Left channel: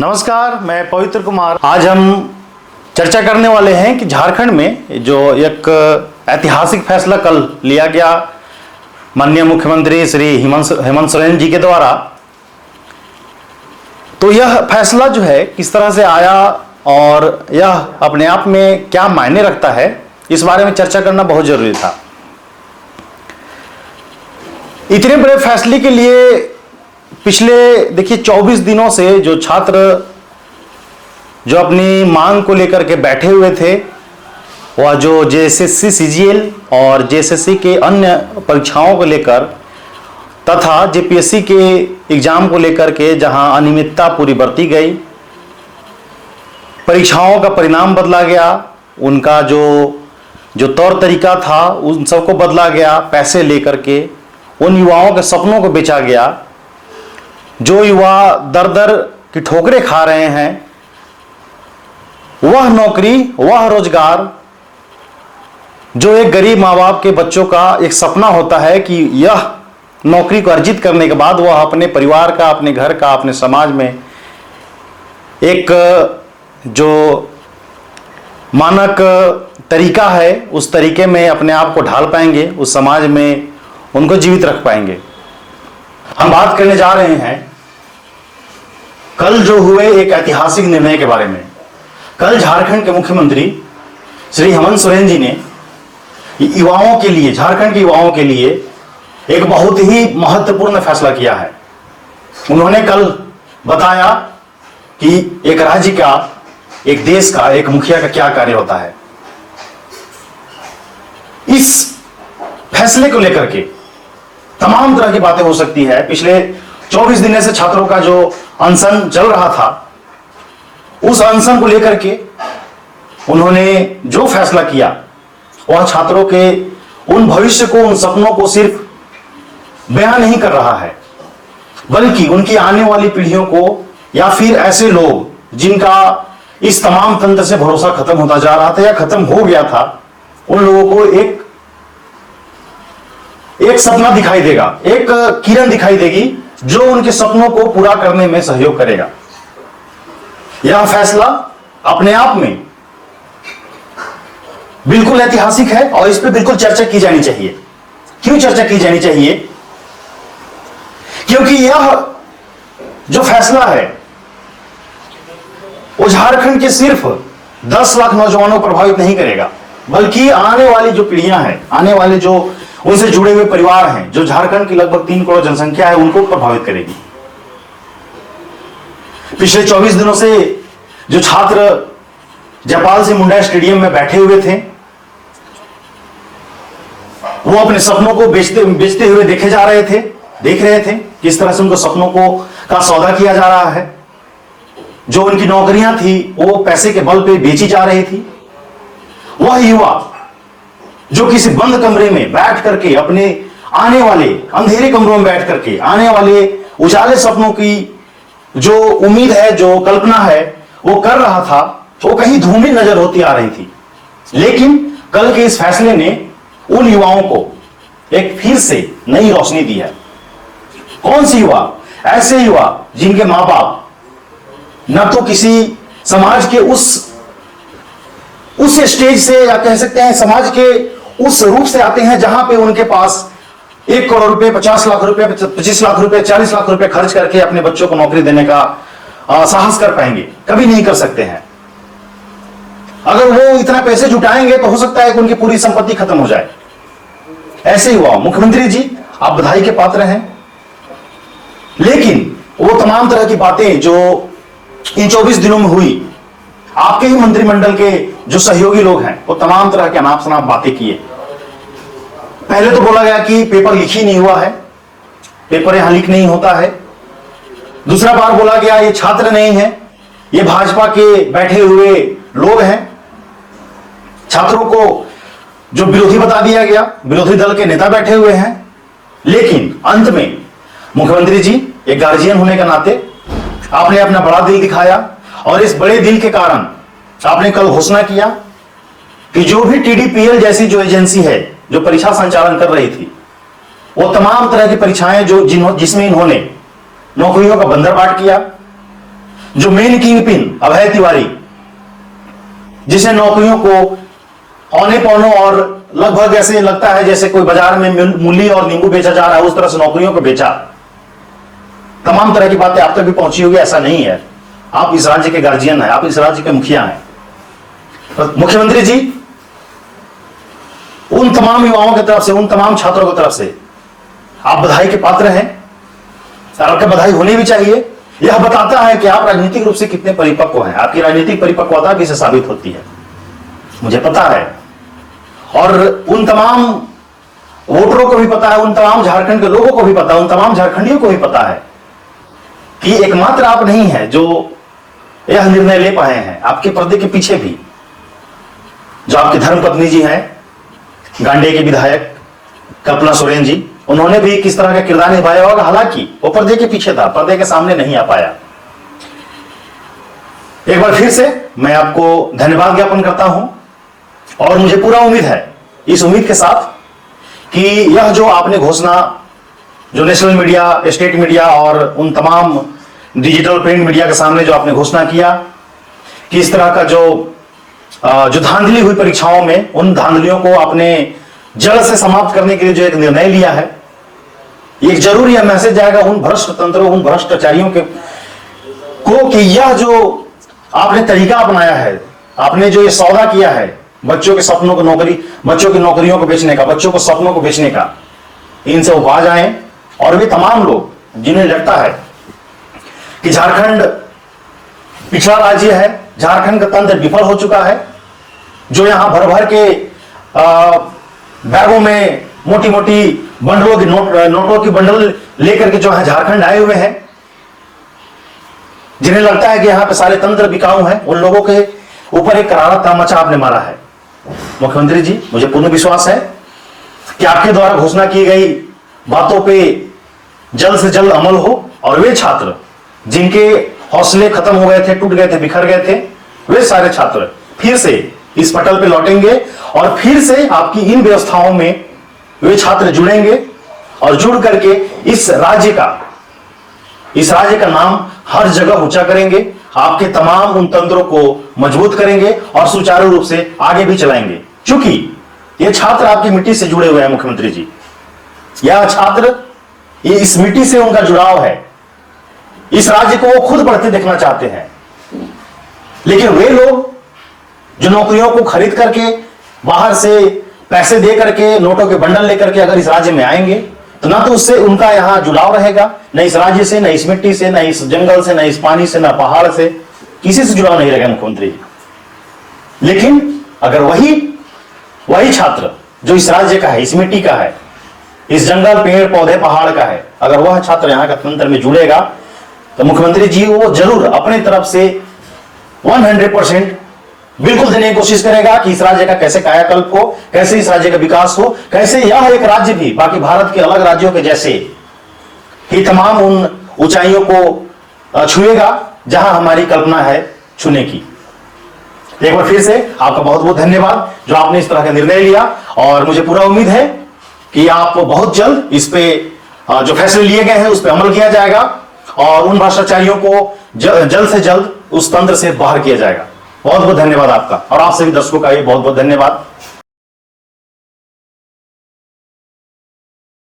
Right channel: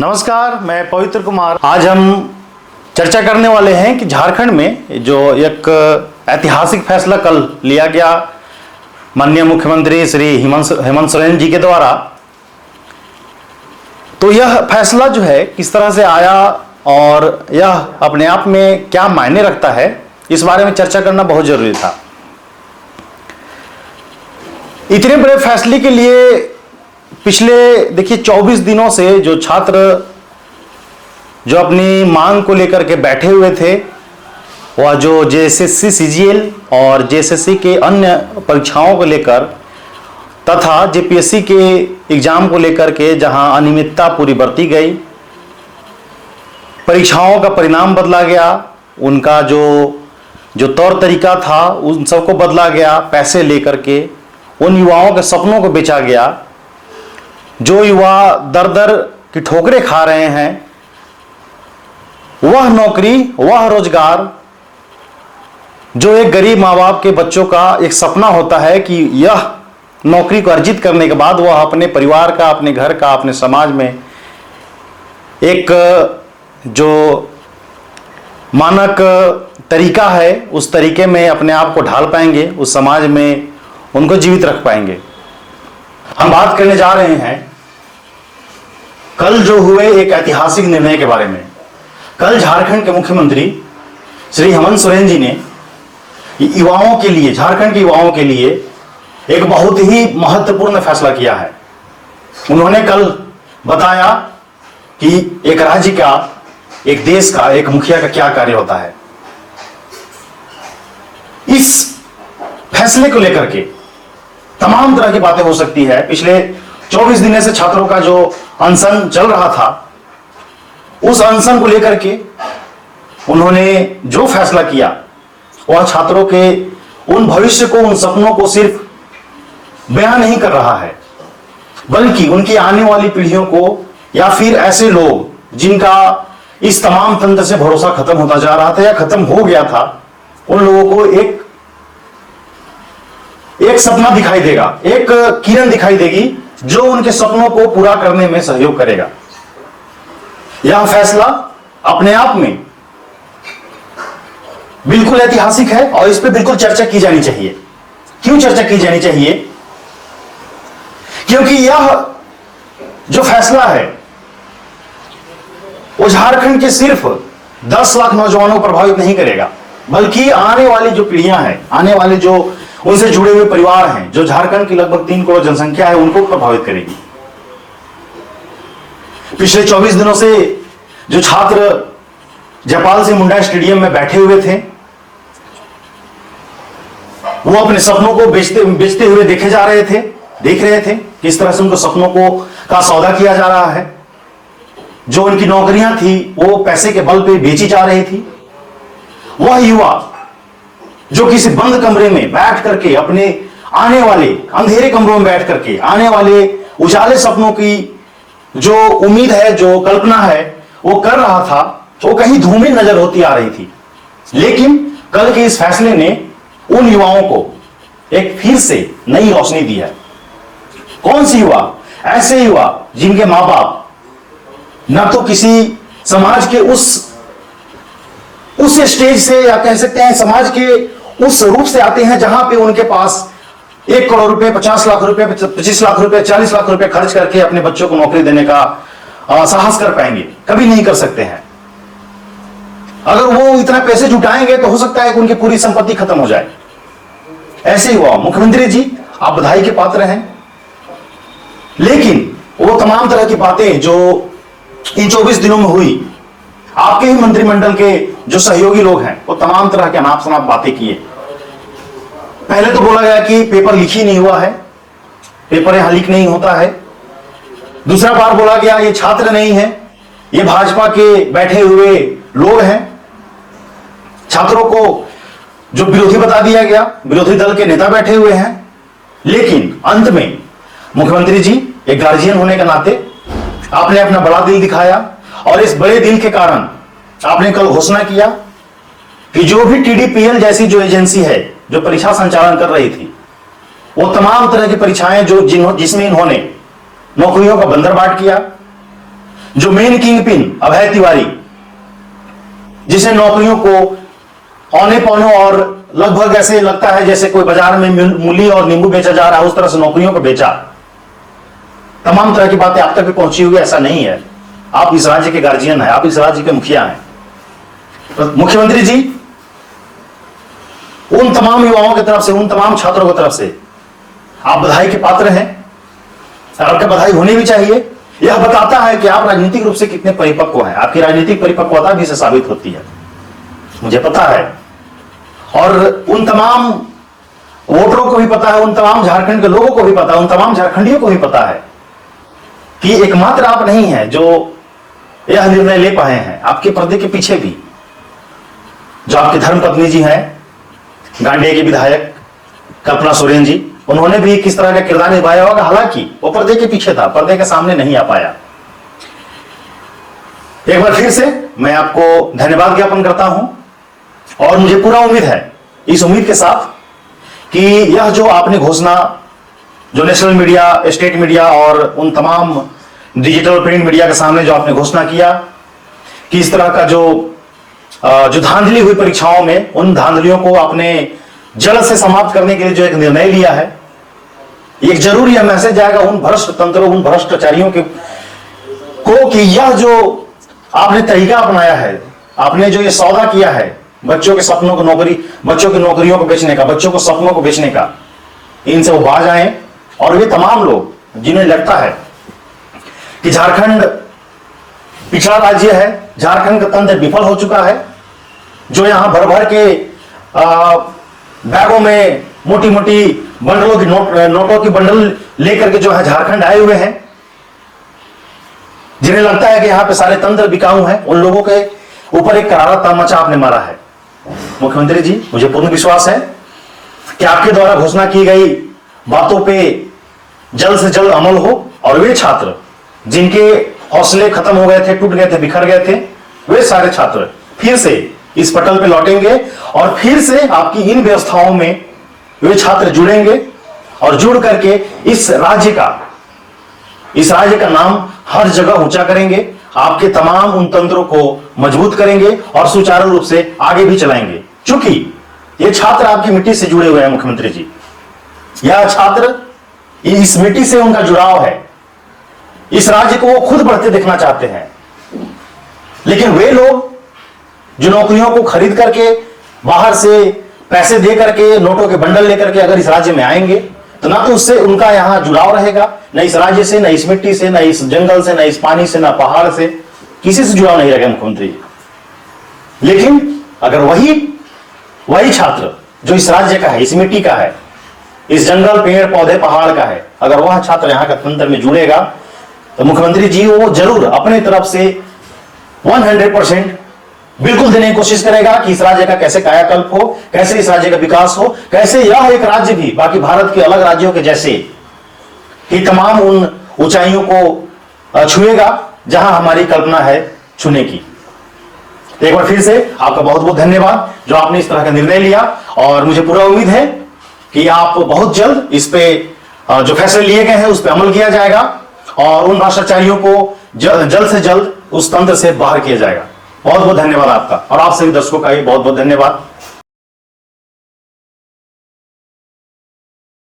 नमस्कार, मैं पवित्र कुमार। आज हम चर्चा करने वाले हैं कि झारखंड में जो एक ऐतिहासिक फैसला कल लिया गया माननीय मुख्यमंत्री श्री हेमंत सोरेन जी के द्वारा, तो यह फैसला जो है किस तरह से आया और यह अपने आप में क्या मायने रखता है, इस बारे में चर्चा करना बहुत जरूरी था। इतने बड़े फैसले के लिए पिछले देखिए 24 दिनों से जो छात्र जो अपनी मांग को लेकर के बैठे हुए थे, वह जो जेएसएससी सीजीएल और जेएसएससी के अन्य परीक्षाओं को लेकर तथा जेपीएससी के एग्जाम को लेकर के जहां अनियमितता पूरी बरती गई, परीक्षाओं का परिणाम बदला गया, उनका जो तौर तरीका था उन सबको बदला गया, पैसे लेकर के उन युवाओं के सपनों को बेचा गया। जो युवा दर दर की ठोकरें खा रहे हैं, वह नौकरी, वह रोजगार जो एक गरीब माँ बाप के बच्चों का एक सपना होता है कि यह नौकरी को अर्जित करने के बाद वह अपने परिवार का, अपने घर का, अपने समाज में एक जो मानक तरीका है उस तरीके में अपने आप को ढाल पाएंगे, उस समाज में उनको जीवित रख पाएंगे। हम बात करने जा रहे हैं कल जो हुए एक ऐतिहासिक निर्णय के बारे में। कल झारखंड के मुख्यमंत्री श्री हेमंत सोरेन जी ने युवाओं के लिए, झारखंड के युवाओं के लिए एक बहुत ही महत्वपूर्ण फैसला किया है। उन्होंने कल बताया कि एक राज्य का, एक देश का, एक मुखिया का क्या कार्य होता है। इस फैसले को लेकर के तमाम तरह की बातें हो सकती है। पिछले 24 दिनों से छात्रों का जो अनशन चल रहा था, उस अनशन को लेकर के उन्होंने जो फैसला किया वह छात्रों के उन भविष्य को, उन सपनों को सिर्फ बयान नहीं कर रहा है, बल्कि उनकी आने वाली पीढ़ियों को या फिर ऐसे लोग जिनका इस तमाम तंत्र से भरोसा खत्म होता जा रहा था या खत्म हो गया था, उन लोगों को एक सपना दिखाई देगा, एक किरण दिखाई देगी जो उनके सपनों को पूरा करने में सहयोग करेगा। यह फैसला अपने आप में बिल्कुल ऐतिहासिक है और इस पर बिल्कुल चर्चा की जानी चाहिए। क्यों चर्चा की जानी चाहिए? क्योंकि यह जो फैसला है वो झारखंड के सिर्फ 10 लाख नौजवानों को प्रभावित नहीं करेगा, बल्कि आने वाली जो पीढ़ियां हैं, आने वाले जो उनसे जुड़े हुए परिवार हैं, जो झारखंड की लगभग 3 करोड़ जनसंख्या है, उनको प्रभावित करेगी। पिछले 24 दिनों से जो छात्र जयपाल सिंह मुंडा स्टेडियम में बैठे हुए थे, वो अपने सपनों को बेचते हुए देख रहे थे किस तरह से उनको सपनों का सौदा किया जा रहा है। जो उनकी नौकरियां थी वो पैसे के बल पे बेची जा रही थी। वह युवा जो किसी बंद कमरे में बैठ करके, अपने आने वाले अंधेरे कमरों में बैठ करके आने वाले उजाले सपनों की जो उम्मीद है, जो कल्पना है, वो कर रहा था, वो कहीं धूमिल नजर होती आ रही थी। लेकिन कल के इस फैसले ने उन युवाओं को एक फिर से नई रोशनी दी है। कौन सी युवा? ऐसे युवा जिनके मां बाप न तो किसी समाज के उस स्टेज से, या कह सकते हैं समाज के उस रूप से आते हैं जहां पे उनके पास 1 करोड़ रुपए, 50 लाख रुपए, 25 लाख रुपए, 40 लाख रुपए खर्च करके अपने बच्चों को नौकरी देने का साहस कर पाएंगे। कभी नहीं कर सकते हैं। अगर वो इतना पैसे जुटाएंगे तो हो सकता है कि उनकी पूरी संपत्ति खत्म हो जाए। ऐसे हुआ। मुख्यमंत्री जी, आप बधाई के पात्र हैं, लेकिन वो तमाम तरह की बातें जो इन 24 दिनों में हुई, आपके ही मंत्रिमंडल के जो सहयोगी लोग हैं वो तमाम तरह के अनाप शनाप बातें किए। पहले तो बोला गया कि पेपर लीक ही नहीं हुआ है, पेपर यहां लीक नहीं होता है। दूसरा बार बोला गया ये छात्र नहीं है, ये भाजपा के बैठे हुए लोग हैं। छात्रों को जो विरोधी बता दिया गया, विरोधी दल के नेता बैठे हुए हैं। लेकिन अंत में मुख्यमंत्री जी एक गार्जियन होने के नाते आपने अपना बड़ा दिल दिखाया और इस बड़े दिल के कारण आपने कल घोषणा किया कि जो भी टीडीपीएल जैसी जो एजेंसी है जो परीक्षा संचालन कर रही थी, वो तमाम तरह की परीक्षाएं जिसमें इन्होंने नौकरियों का बंदरबाट किया, जो मेन किंग पिन अभय तिवारी, जिसे नौकरियों को औने पौने और लगभग ऐसे लगता है जैसे कोई बाजार में मूली और नींबू बेचा जा रहा है, उस तरह से नौकरियों को बेचा। तमाम तरह की बातें आप तक भी पहुंची होगी, ऐसा नहीं है। आप इस राज्य के गार्जियन हैं, आप इस राज्य के मुखिया हैं। तो मुख्यमंत्री जी, उन तमाम युवाओं की तरफ से, उन तमाम छात्रों की तरफ से आप बधाई के पात्र हैं और आपके बधाई होनी भी चाहिए। यह बताता है कि आप राजनीतिक रूप से कितने परिपक्व हैं, आपकी राजनीतिक परिपक्वता भी इससे साबित होती है, मुझे पता है। और उन तमाम वोटरों को भी पता है, उन तमाम झारखंड के लोगों को भी पता है, उन तमाम झारखंडियों को भी पता है कि एकमात्र आप नहीं हैं जो यह निर्णय ले पाए हैं। आपके पर्दे के पीछे भी जो आपकी धर्मपत्नी जी हैं, गांडे के विधायक कल्पना सोरेन जी, उन्होंने भी किस तरह का किरदार निभाया होगा। हालांकि वो पर्दे के पीछे था, पर्दे के सामने नहीं आ पाया। एक बार फिर से मैं आपको धन्यवाद ज्ञापन करता हूं और मुझे पूरा उम्मीद है, इस उम्मीद के साथ, कि यह जो आपने घोषणा, जो नेशनल मीडिया, स्टेट मीडिया और उन तमाम डिजिटल प्रिंट मीडिया के सामने जो आपने घोषणा किया कि इस तरह का जो धांधली हुई परीक्षाओं में, उन धांधलियों को आपने जड़ से समाप्त करने के लिए जो एक निर्णय लिया है, एक जरूर यह मैसेज जाएगा उन भ्रष्ट तंत्रों, उन भ्रष्टाचारियों को कि यह जो आपने तरीका अपनाया है, आपने जो ये सौदा किया है बच्चों के सपनों को बच्चों की नौकरियों को बेचने का, बच्चों को सपनों को बेचने का, इनसे वो बाज आए। और वे तमाम लोग जिन्हें लगता है कि झारखंड पिछड़ा राज्य है, झारखंड का तंत्र विफल हो चुका है, जो यहां भर भर के बैगों में मोटी मोटी बंडलों की नोटों की बंडल लेकर के जो है झारखंड आए हुए हैं, जिन्हें लगता है कि यहां पे सारे तंत्र बिकाऊ हैं, उन लोगों के ऊपर एक करारा तमाचा आपने मारा है। मुख्यमंत्री जी, मुझे पूर्ण विश्वास है कि आपके द्वारा घोषणा की गई बातों पे जल्द से जल्द अमल हो और वे छात्र जिनके हौसले खत्म हो गए थे, टूट गए थे, बिखर गए थे, वे सारे छात्र फिर से इस पटल पे लौटेंगे और फिर से आपकी इन व्यवस्थाओं में वे छात्र जुड़ेंगे और जुड़ करके इस राज्य का नाम हर जगह ऊंचा करेंगे, आपके तमाम उन तंत्रों को मजबूत करेंगे और सुचारू रूप से आगे भी चलाएंगे। क्योंकि ये छात्र आपकी मिट्टी से जुड़े हुए हैं मुख्यमंत्री जी, यह छात्र, इस मिट्टी से उनका जुड़ाव है, इस राज्य को वो खुद बढ़ते देखना चाहते हैं। लेकिन वे लोग जो नौकरियों को खरीद करके, बाहर से पैसे दे करके, नोटों के बंडल लेकर के अगर इस राज्य में आएंगे, तो ना तो उससे उनका यहां जुड़ाव रहेगा, न इस राज्य से, न इस मिट्टी से, न इस जंगल से, न इस पानी से, न पहाड़ से, किसी से जुड़ाव नहीं रहेगा मुख्यमंत्री जी। लेकिन अगर वही छात्र जो इस राज्य का है, इस मिट्टी का है, इस जंगल, पेड़ पौधे, पहाड़ का है, अगर वह छात्र यहां का तंत्र में जुड़ेगा, तो मुख्यमंत्री जी वो जरूर अपनी तरफ से 100% बिल्कुल देने की कोशिश करेगा कि इस राज्य का कैसे कायाकल्प हो, कैसे इस राज्य का विकास हो, कैसे यह एक राज्य भी बाकी भारत के अलग राज्यों के जैसे ही तमाम उन ऊंचाइयों को छुएगा जहां हमारी कल्पना है छूने की। तो एक बार फिर से आपका बहुत बहुत धन्यवाद जो आपने इस तरह का निर्णय लिया, और मुझे पूरा उम्मीद है कि आप बहुत जल्द इस पे जो फैसले लिए गए हैं उस पर अमल किया जाएगा और उन भ्रष्टाचारियों को जल्द से जल्द उस तंत्र से बाहर किया जाएगा। बहुत बहुत धन्यवाद आपका, और आप सभी दर्शकों का भी बहुत बहुत धन्यवाद।